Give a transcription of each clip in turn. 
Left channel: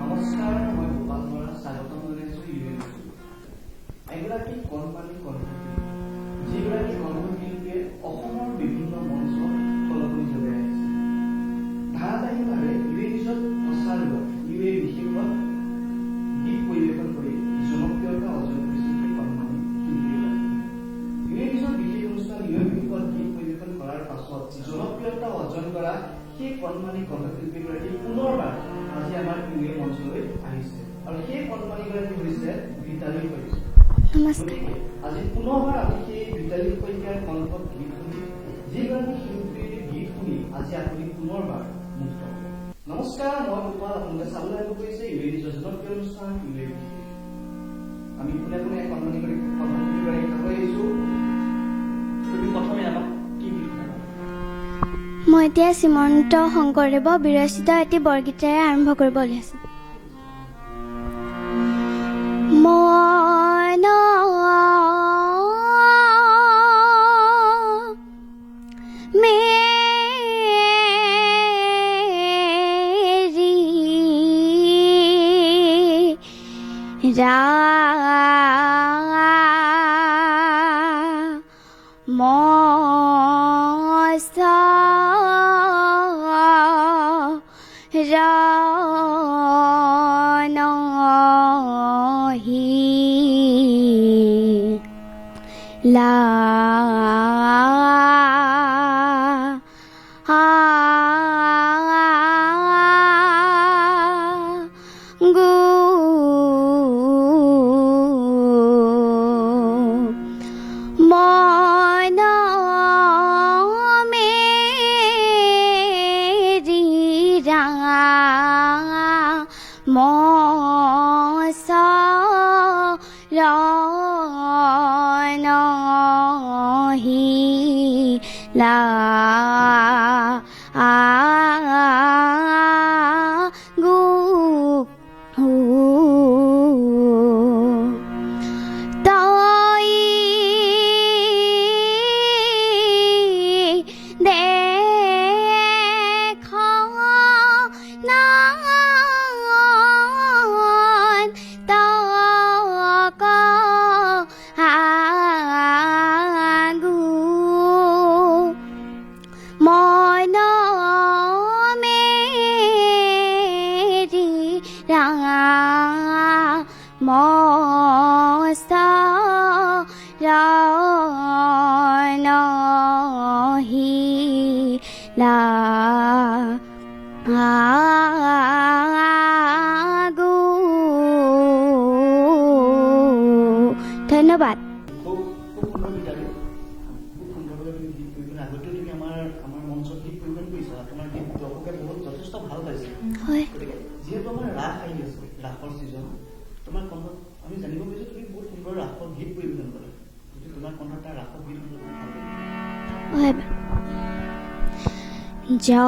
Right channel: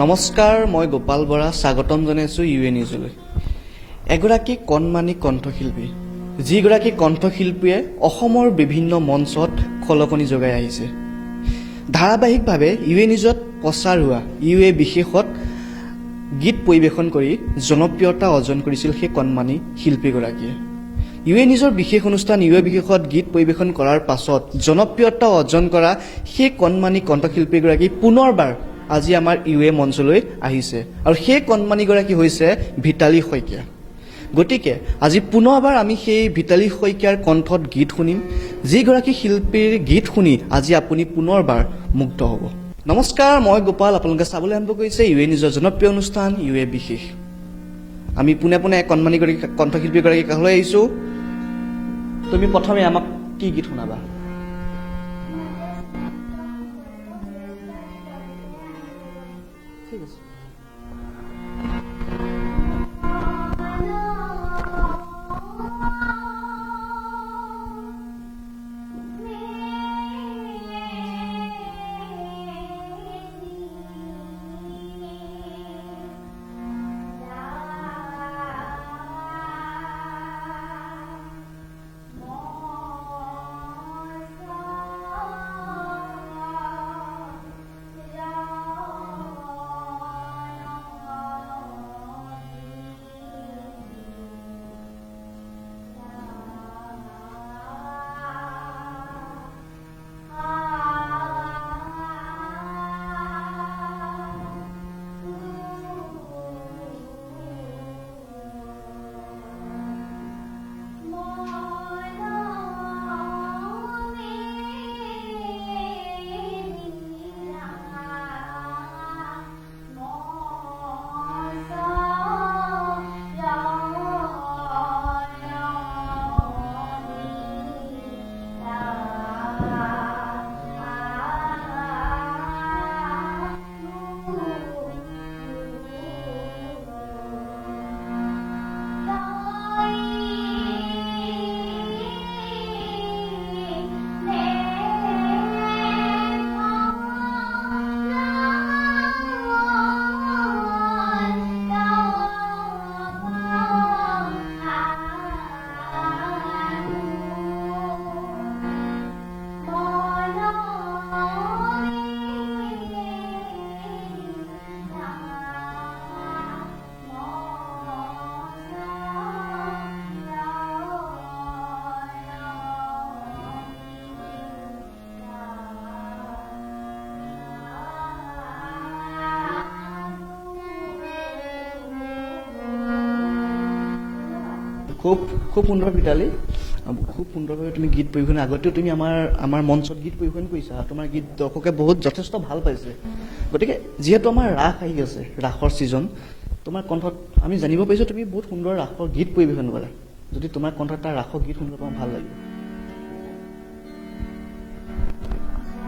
নমস্কাৰ, মই গোপাল বৰা স্বাগতম জনাইছোঁ ইউএ নিউজলৈ। এগৰাকী কণমানি কণ্ঠশিল্পী, যিগৰাকী কণ্ঠশিল্পীয়ে অসমৰ বিভিন্ন মঞ্চত খলকনি যোগাই আহিছে। ধাৰাবাহিকভাৱে ইউএ নিউজত প্ৰচাৰ হোৱা ইউএ বিশেষত গীত পৰিৱেশন কৰি জনপ্ৰিয়তা অৰ্জন কৰিছিল সেই কণমানি শিল্পীগৰাকীয়ে। ইউএ নিউজৰ বিশেষ অনুষ্ঠান ইউএ বিশেষত গীত পৰিৱেশন কৰাৰ পাছত জনপ্ৰিয়তা অৰ্জন কৰা সেই কণমানি কণ্ঠশিল্পীগৰাকী পুনৰবাৰ আজি আমাৰ ইউএ মঞ্চলৈ আহিছে আৰু সেই কণমানিগৰাকী হৈছে ভিতালী শইকীয়া। গতিকে আজি পুনৰবাৰ আমি সেই ভিতালী শইকীয়াৰ কণ্ঠত গীত শুনিম, যিগৰাকী শিল্পীৰ গীত শুনি আজি আপুনি পুনৰবাৰ মুগ্ধ হ'ব। নমস্কাৰ, মই গোপাল, আপোনালোকে চাবলৈ আৰম্ভ কৰিছে ইউএ নিউজৰ জনপ্ৰিয় অনুষ্ঠান ইউএ বিশেষ। আমি পোনে পোনে কণমানিগৰাকী কণ্ঠশিল্পীগৰাকী কাষলৈ আহিছোঁ। তুমি প্ৰথমে আমাক কি গীত শুনাবা? মই এতিয়া শ্ৰীমন্ত শংকৰদেৱৰ বিৰচিত এটি বৰগীতেৰে আৰম্ভ কৰিব ওলাইছোঁ। ধন্যবাদ। খুব সুন্দৰ ভিতালী, খুব সুন্দৰভাৱে তুমি গীত পৰিৱেশন, আগতেও তুমি আমাৰ মঞ্চত গীত পৰিৱেশন কৰিছা আৰু তোমাৰ গীত দৰ্শকে যথেষ্ট ভাল পাইছে। গতিকে যিহেতু আমাৰ ৰাস আহি আছে, ৰাসৰ ছিজন, তোমাৰ কণ্ঠত আমি জানিব পাৰিছোঁ তুমি বহুত সুন্দৰ ৰাসৰ গীত পৰিৱেশন কৰা। যদি তোমাৰ কণ্ঠত এটা ৰাসৰ গীত শুনিব পাওঁ ভাল লাগিব। জগত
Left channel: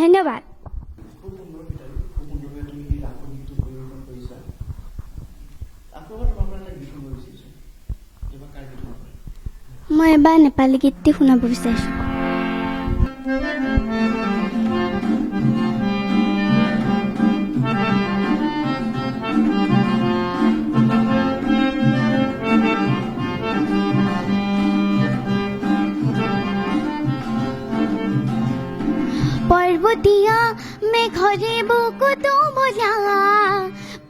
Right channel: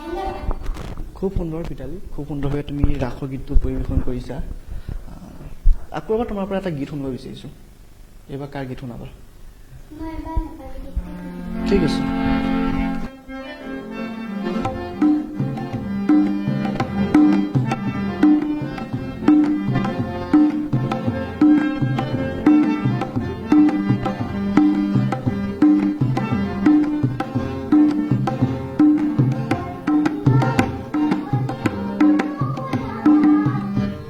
ধন্যবাদ। খুব সুন্দৰ ভিতালী, খুব সুন্দৰভাৱে তুমি ৰাসৰ গীতটো পৰিৱেশন কৰিছা। আকৌ এবাৰ তোমাৰ পৰা এটা গীত শুনিব বিচাৰিছোঁ। এইবাৰ কাৰ গীত শুনাবা? মই এবাৰ নেপালী গীতটি শুনাব ঠিক বিচাৰিছোঁ। আছে। পৰ্বতীয়া মেঘৰে বুকুটো মজা,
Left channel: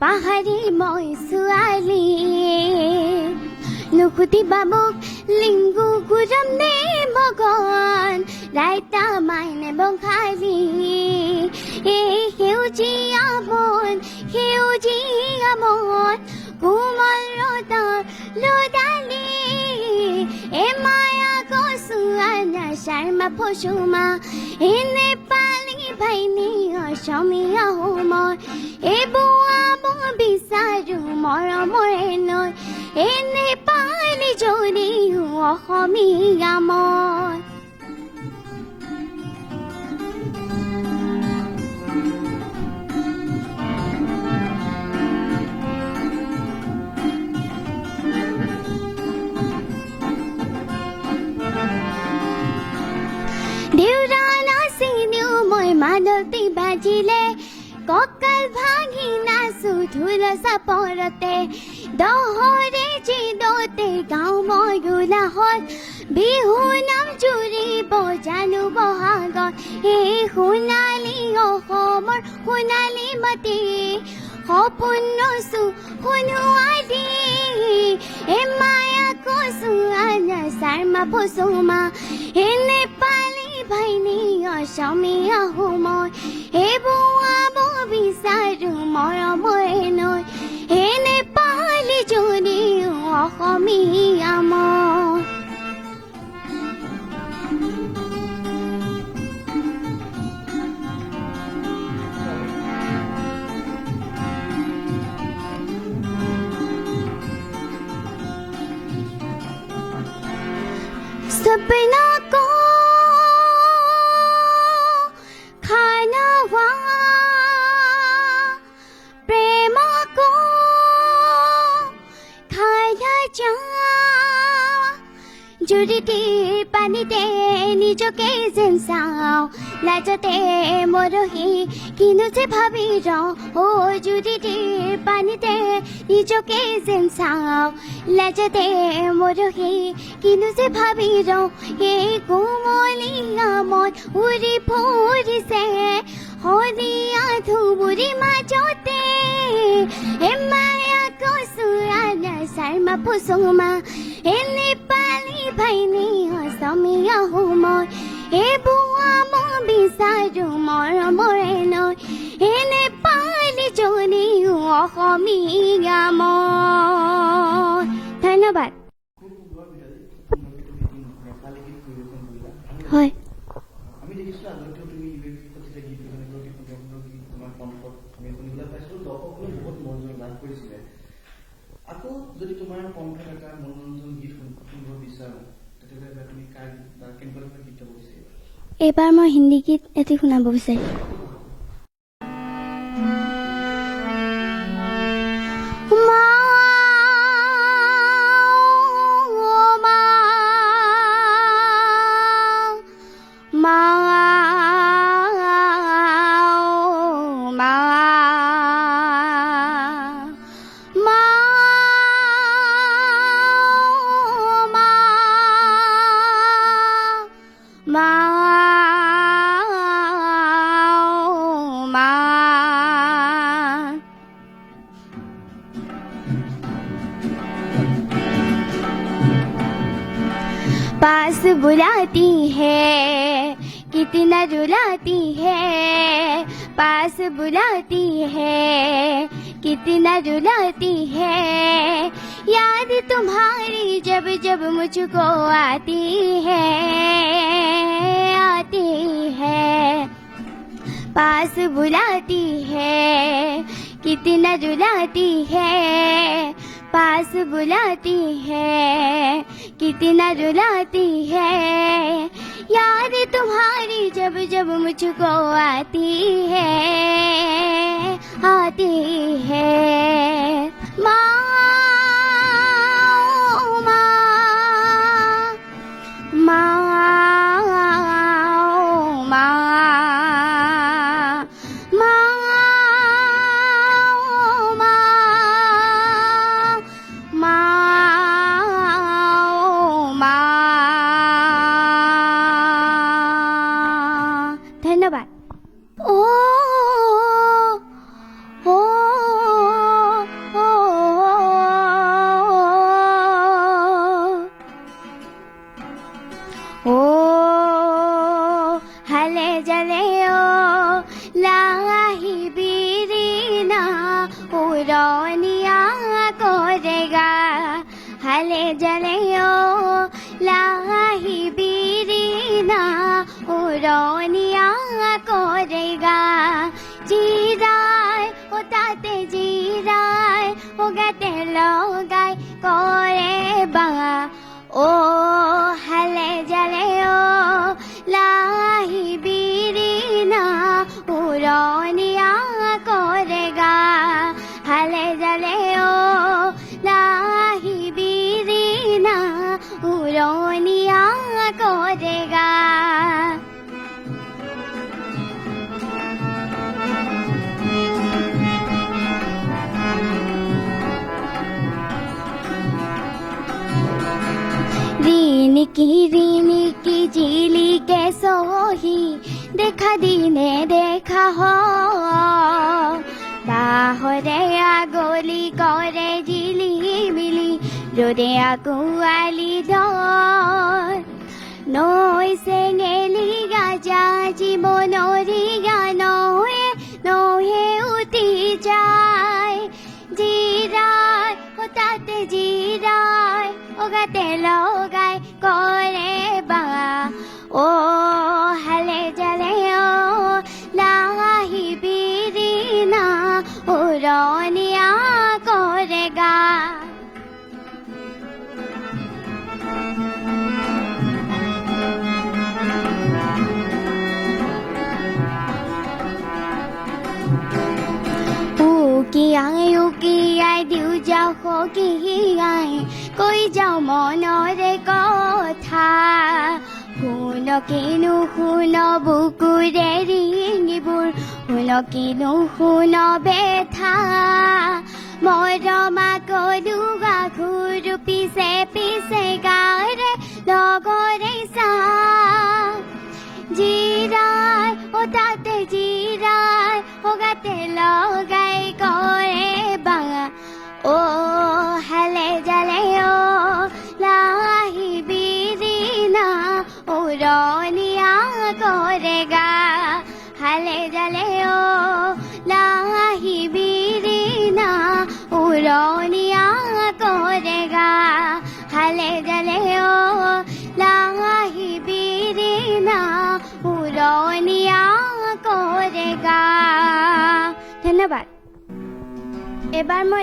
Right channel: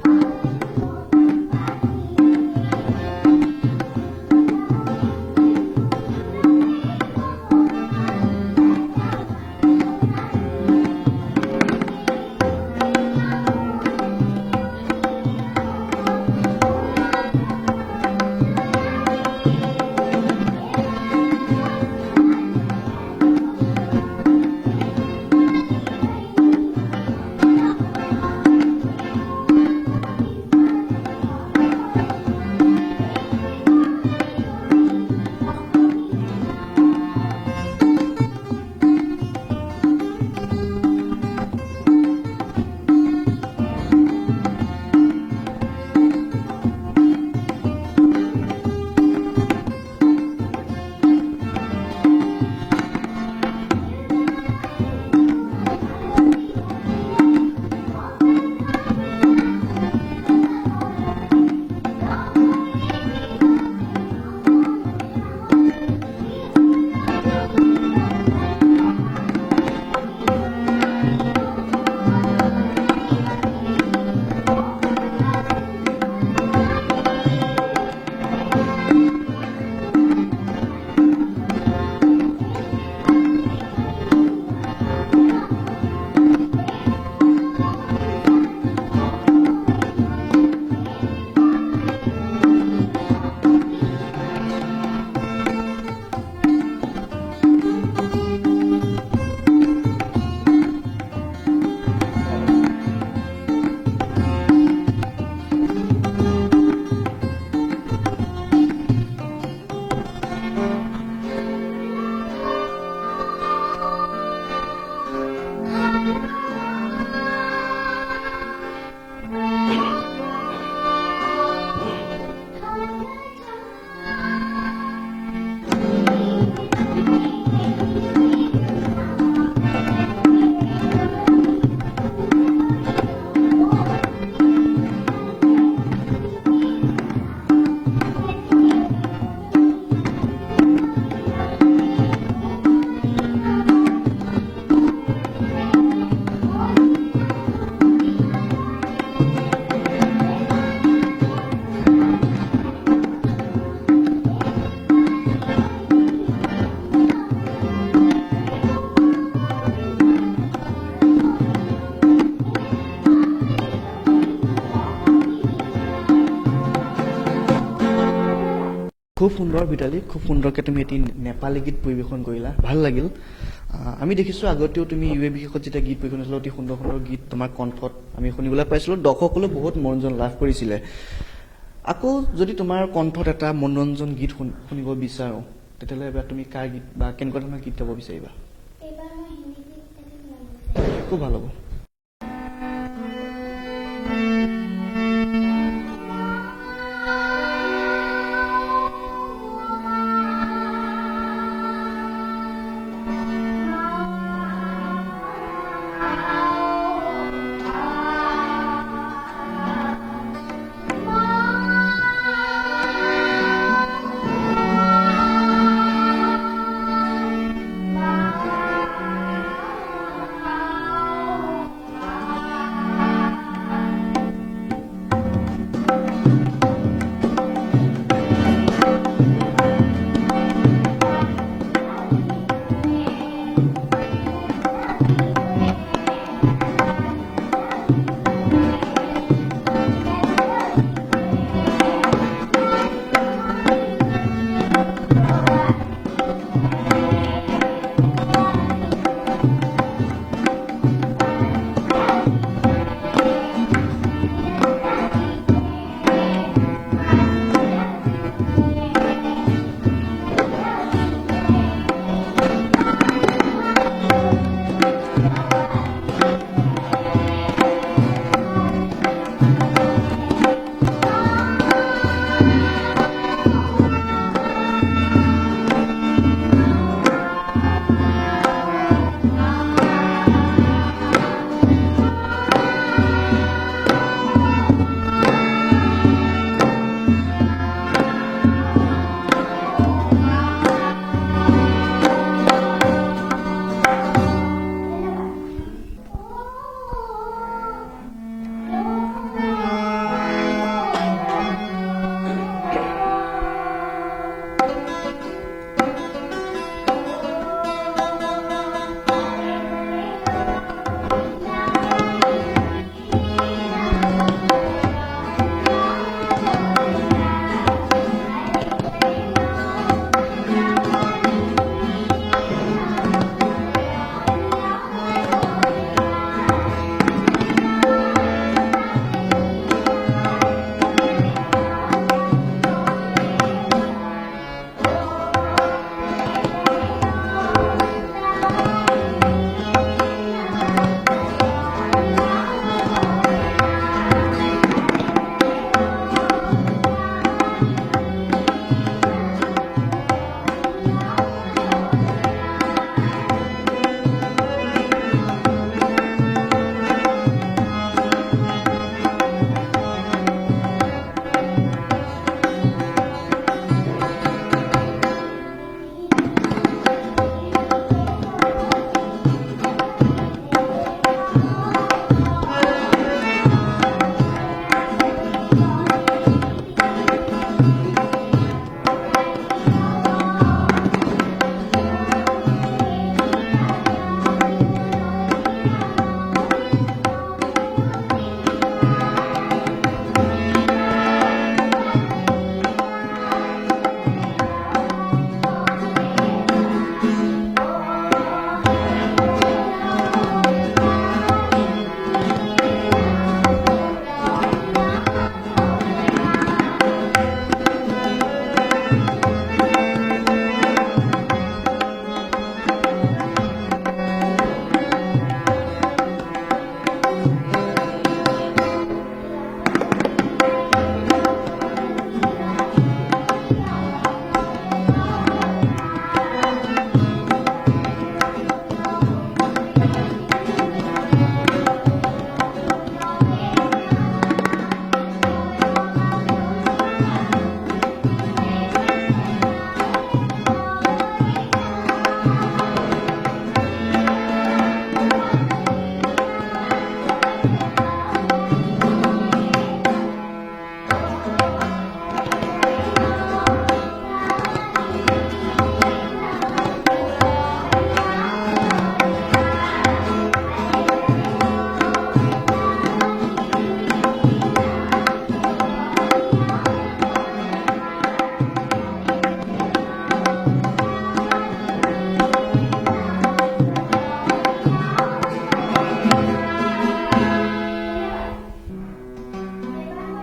পাহাৰী মই ছোৱালী, নুকুতিবা মোক লিংগু গুৰম নে মগন, লাইটা মাইনে বঙালী, এই সেউজীয়া বন, সেউজীয়া মন, কোমল ৰ'দৰ লদালি, এ মায়া গছোৱানা শৰ্মা ফচুমা, এ নেপালী ভাইনী অসমীয়া হোমৰ, এ বোৱাব বিচাৰো মৰমৰে নৈ, এ নেপালী জৰি অসমীয়া মই। দেউৰা নাচিনিও মই মানতি বাজিলে, কঁকাল ভাঙি নাচো ঢোল চাপৰতে, দহৰে জিদতে গাওঁ মই উলাহত, বিহু নাম জুৰিব জানো বহাগত, এই সোণালী অসমৰ সোণালী মাটি, সপোন ৰচো সোণোৱালী, এ মায়া কচুৱানা শৰ্মা ফচুমা, এ নেপালী ভাইনী অসমীয়া হোমৰ, এ বোৱাব বিচাৰো মৰমৰে নৈ, এ নেপালী জৰি অসমীয়া মই। सपना को खाना हुआ, प्रेम को खाया जा, জুৰিতে পানীতে নিজকে যেন চাওঁ, লাজতে মৰহি কিনো যে ভাবি ৰওঁ, অ জুৰিতে পানীতে নিজকে যেন চাওঁ, লাজতে মৰহি কিনো যে ভাবি ৰওঁ, এই কোমলী নামত উৰি ফুৰিছে শদিয়া ধুবুৰী মাজতে, এ মায়া কচুৱানা শৰ্মা ফচুমা, এ নেপালী ভাইনী অসমীয়া হোমৰ, এ বোৱাব বিচাৰো মৰমৰে নৈ, এ নেপালী জৰি অসমীয়া মই। ধন্যবাদ। খুব সুন্দৰ ভিতালী, খুব সুন্দৰকৈ তুমি এটি নেপালী গীত পৰিৱেশন কৰিলা, ভাল লাগিল। হয়। আমি দেখিছোঁ আগতেও তুমি ইউ এ বিশেষত যেতিয়া গীত পৰিৱেশন কৰিছিলা, অতি সুন্দৰ সুন্দৰ গীত তোমাৰ কণ্ঠত আমি শুনিবলৈ পাইছিলোঁ, দৰ্শকসকলেও বহুত মনোৰঞ্জন লাভ কৰিছিলে। আকৌ যদি তোমাৰ কণ্ঠত এটা মনোৰঞ্জন গীত শুনিব বিচাৰোঁ, তেতিয়াহ'লে এবাৰ তুমি কাৰ গীত বা কেনেকুৱা ধৰণৰ গীত গাব বিচাৰিবা? এইবাৰ মই হিন্দী গীত এটি শুনাব বিচাৰিছোঁ। খুব ভাল হ'ব। बुलाती है कितना रुलाती है, पास बुलाती है कितना रुलाती है, याद तुम्हारी जब जब मुझको आती है, आती है, पास बुलाती है कितना रुलाती है, पास बुलाती है कितना रुलाती है, याद तुम्हारी जब जब मुझको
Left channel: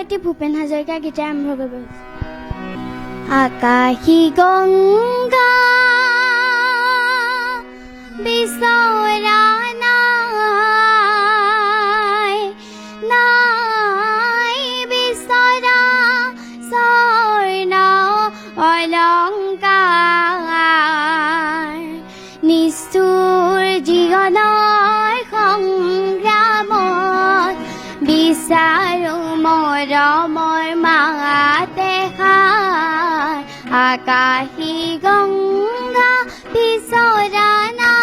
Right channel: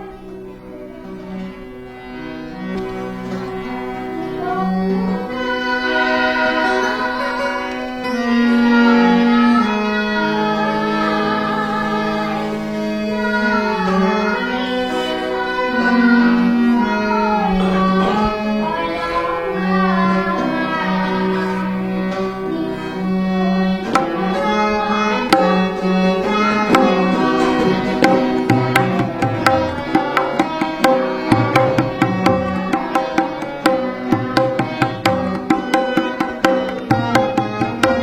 এটি ভূপেন হাজৰিকা গীতে আৰম্ভ কৰিব আকাশী গংগা বিচৰা নাই, নাই বিচৰা স্বৰ্ণ অলংকাৰ, নিষ্ঠুৰ জীৱনৰ সংগ্ৰামত বিচাৰো মৰমৰ মাতে হাত, আকাশী গংগা বিচৰা নাই।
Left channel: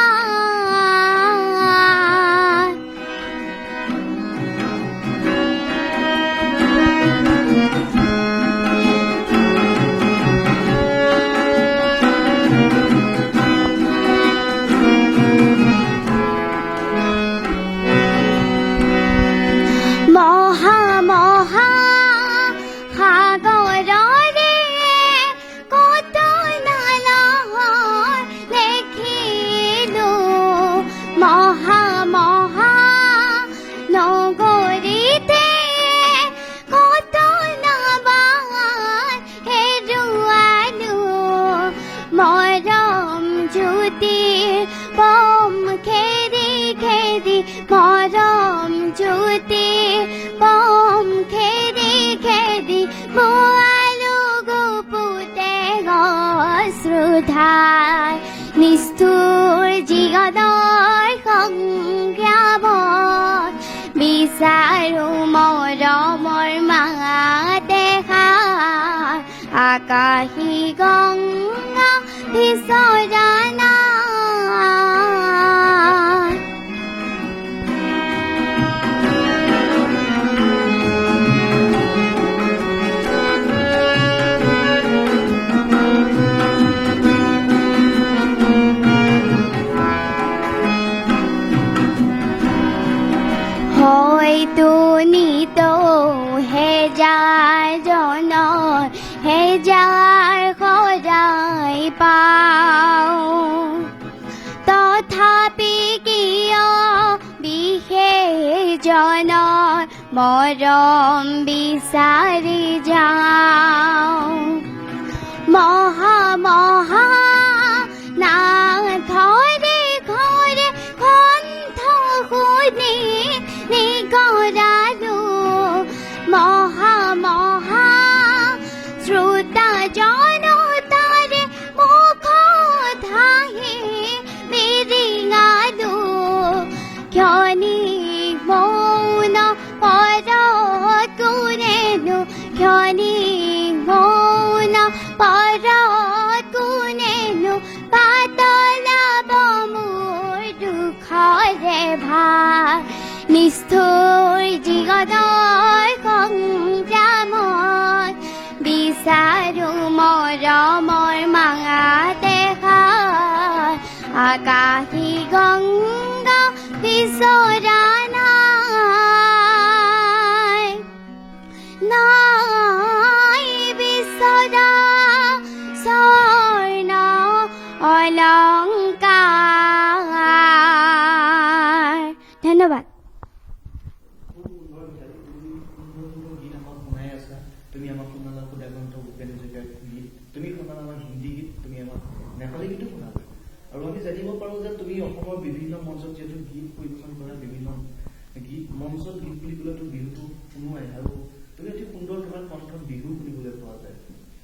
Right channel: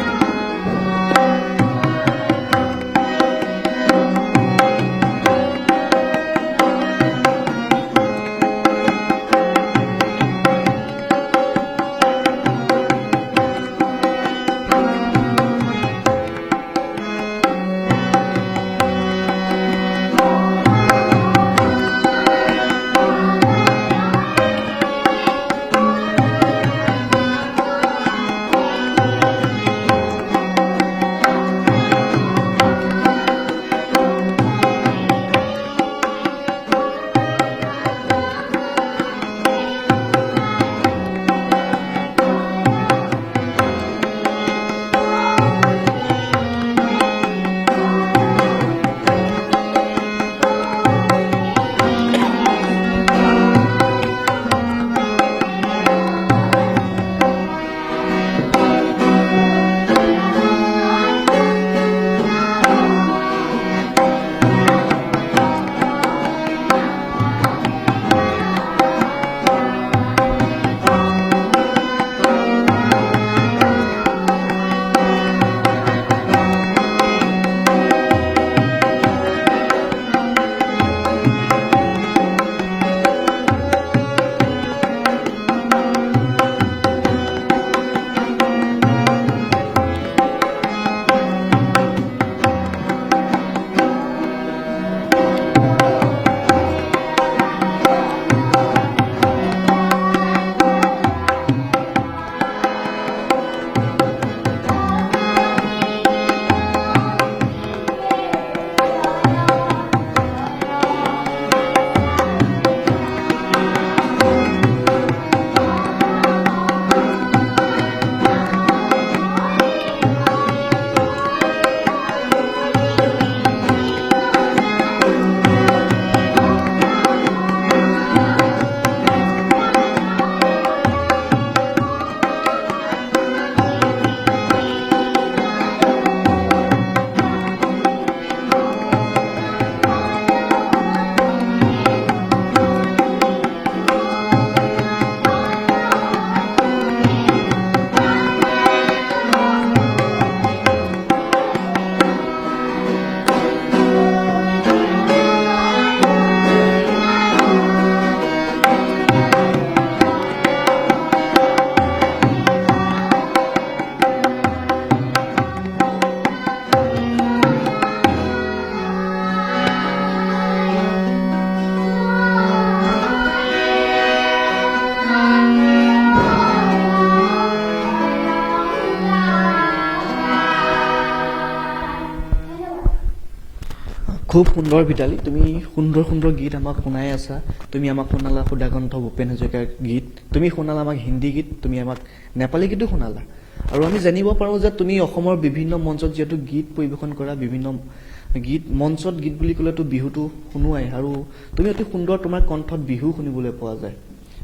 মহা মহা সাগৰৰে উতলা দেখিলোঁ, মহা মহা নগৰীতে উতলা বান হেৰুৱালোঁ, মৰম জ্যোতিৰ পংখেদি খেদি, মৰম জ্যোতিৰ পংখেদি খেদি খোৱালোঁ গুপুতে অশ্ৰুধাৰ, নিষ্ঠুৰ জীৱনৰ সংগ্ৰামত বিচাৰো মৰমৰ মাতে হাত, আকাশী গংগা বিচৰা নাই। হয়তো নিতৌ হেজাৰ জনৰ হেজাৰ সৰাই পাওঁ, তথাপি কিয় বিশেষ জনত মৰম বিচাৰি যাওঁ, মহা মহা নাথৰে ঘৰে কণ্ঠ শুনি নিগৰালো, মহা মহা শ্ৰোতা জনতাৰে মুখত হাঁহি বিৰিঙালো, ক্ষণিক মৌন পৰত কোনেনো, ক্ষণিক মৌন পৰত কোনেনো, পাতলা মমোৰ দুখৰে ভাৰ, নিষ্ঠুৰ জীৱনৰ সংগ্ৰামত বিচাৰো মৰমৰ মাতে হাত, আকাশী গংগা বিচৰা নাই, নাই বিচৰা স্বৰ্ণ অলংকাৰ। ধন্যবাদ। খুব সুন্দৰ ভিতালী, তুমি সুন্দৰ সুন্দৰ গীত আমাক শুনাই আছা। তুমি আমাক শুনালা সুধাকণ্ঠ ভূপেন হাজৰিকাৰ গীত, তুমি শুনালা আমাক হিন্দী গীত, তুমি আমাক নেপালী গীতো শুনালা। আৰু আমি জানিব পাৰোঁ যে তুমি অসমৰ বিভিন্ন মঞ্চত যিহেতু গীত পৰিৱেশন কৰা, বিভিন্ন গীত মঞ্চত গীত বুলি ক'লেতো বিহুটো শুনোৱাই, আৰু তুমি অতি সুন্দৰ তোমাৰ কণ্ঠত বিহু শুনিবলৈ পোৱা যায়।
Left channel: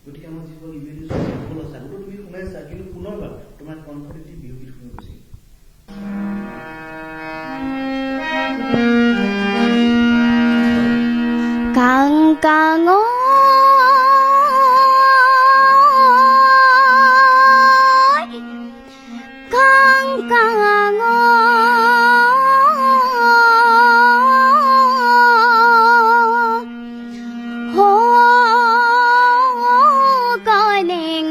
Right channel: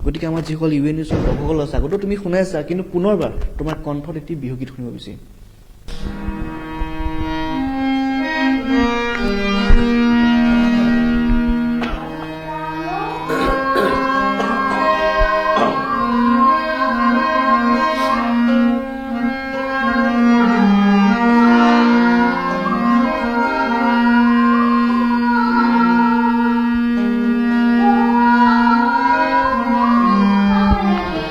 গতিকে আমাৰ যিসকল ইউ এন নিউজৰ দৰ্শকসকল আছে, আগতেও তুমি শুনাইছা, কিন্তু পুনৰবাৰ তোমাৰ কণ্ঠত এটি বিহু গীত শুনিব বিচাৰিম। কাং কাং কাং কাং কলিং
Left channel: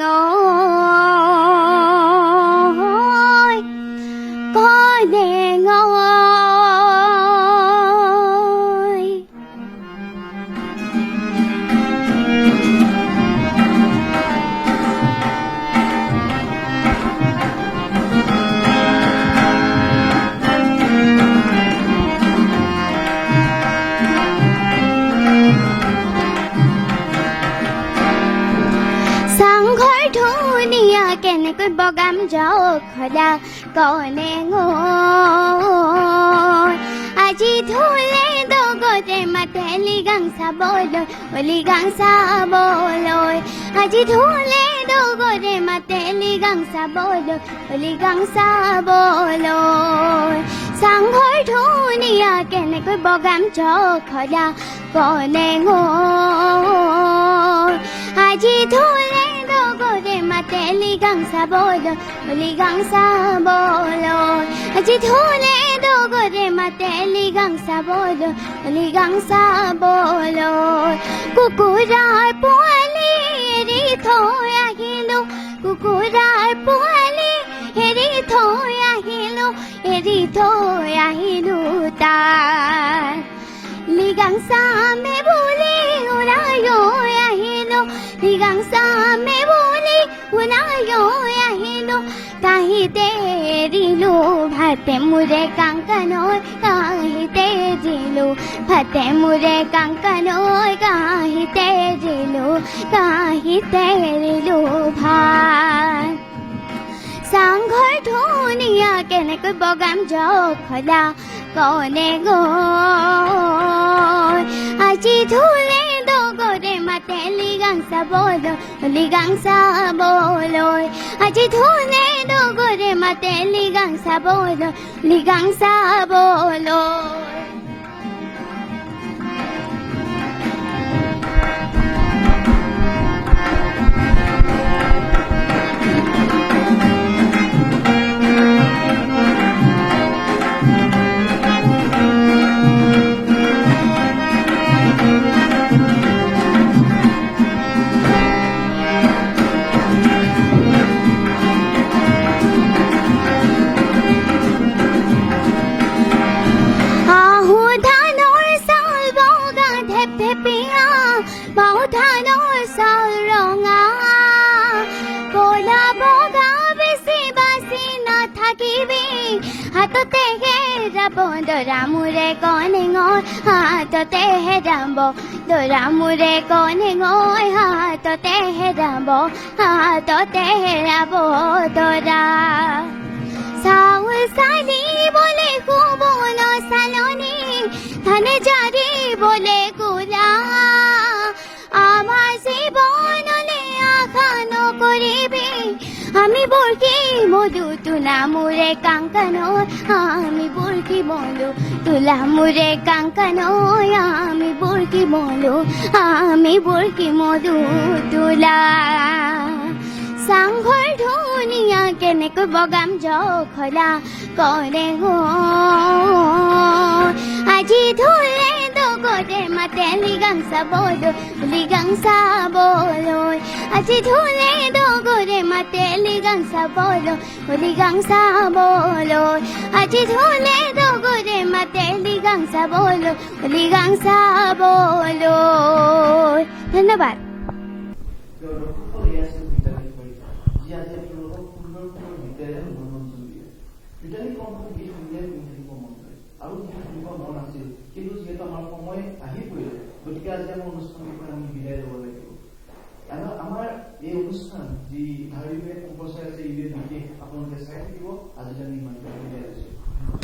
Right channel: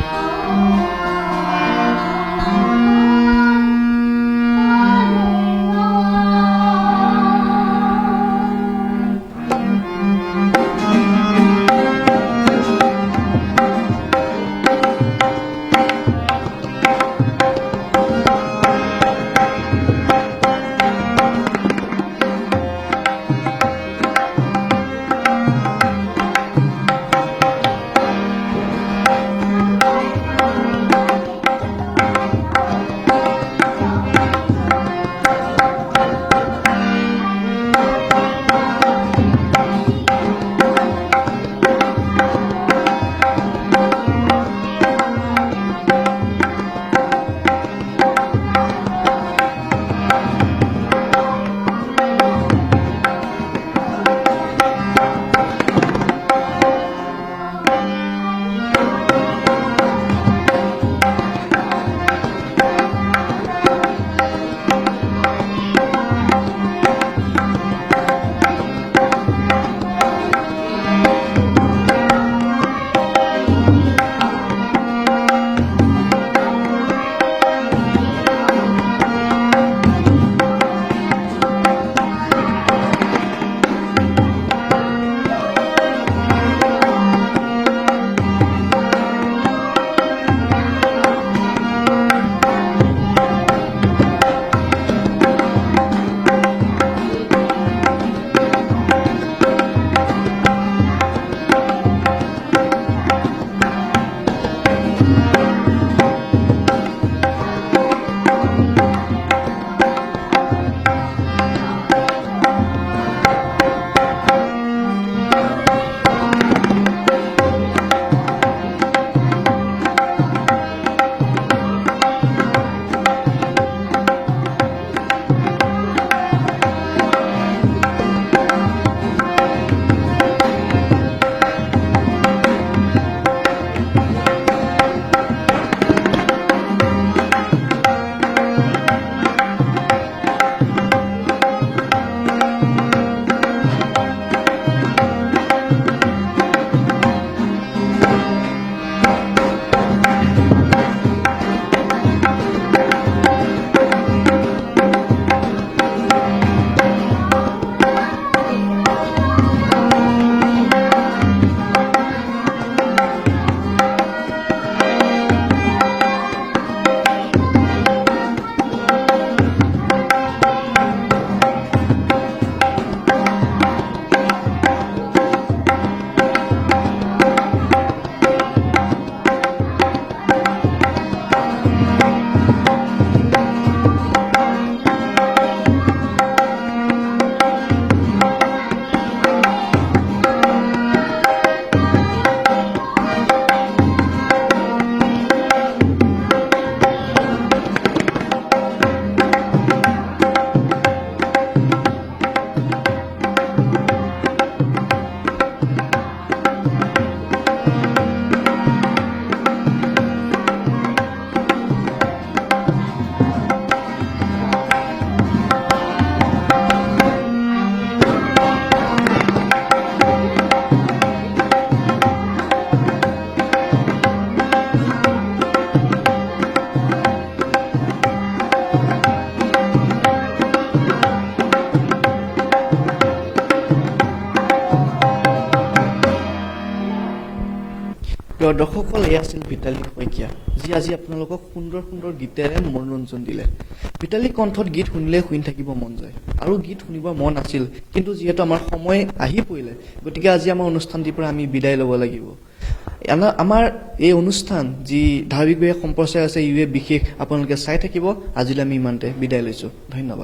সুৰে কাঙ্কানয় আমি বুৰকি মধু আমি বুৰকি মধু তুলা চাংঘৰ ধুনীয়া কেনেকৈ বগাম জখলা কৰে গো আজি ধুলে দগৰে মাতে লিগাং চাবলৈ আজি ধুলে দগৰে মাতে লিগাং চাবলৈ আজি ধুলে দগৰে মাতে লিগাং চাবলৈ ধন্যবাদ। প্ৰিয় দৰ্শকসকল, এয়া আছিল ভিতালী শইকীয়া, যি আজি আপোনালোকক সুন্দৰ সুন্দৰ গীতেৰে মনোৰঞ্জন দিলে। ভিতালী কণ্ঠত গীত শুনিলে শুনি থাকিব মন যায়, আৰু গীত শুনিব মন আছিল, কিন্তু যিহেতু আমাৰ সময় আহি পৰিলে, গতিকে আজি আমাৰ অনুষ্ঠানটিৰ পৰা আমি বিদায় ল'ব লাগিব। আমাৰ এই অনুষ্ঠান যি ধাৰাবাহিকভাৱে সম্প্ৰচাৰ আছে, ইউএ বিশেষ আপোনালোকে চাই থাকিব। আজিলৈ আমি ইমানতে বিদায় লৈছোঁ। ধন্যবাদ।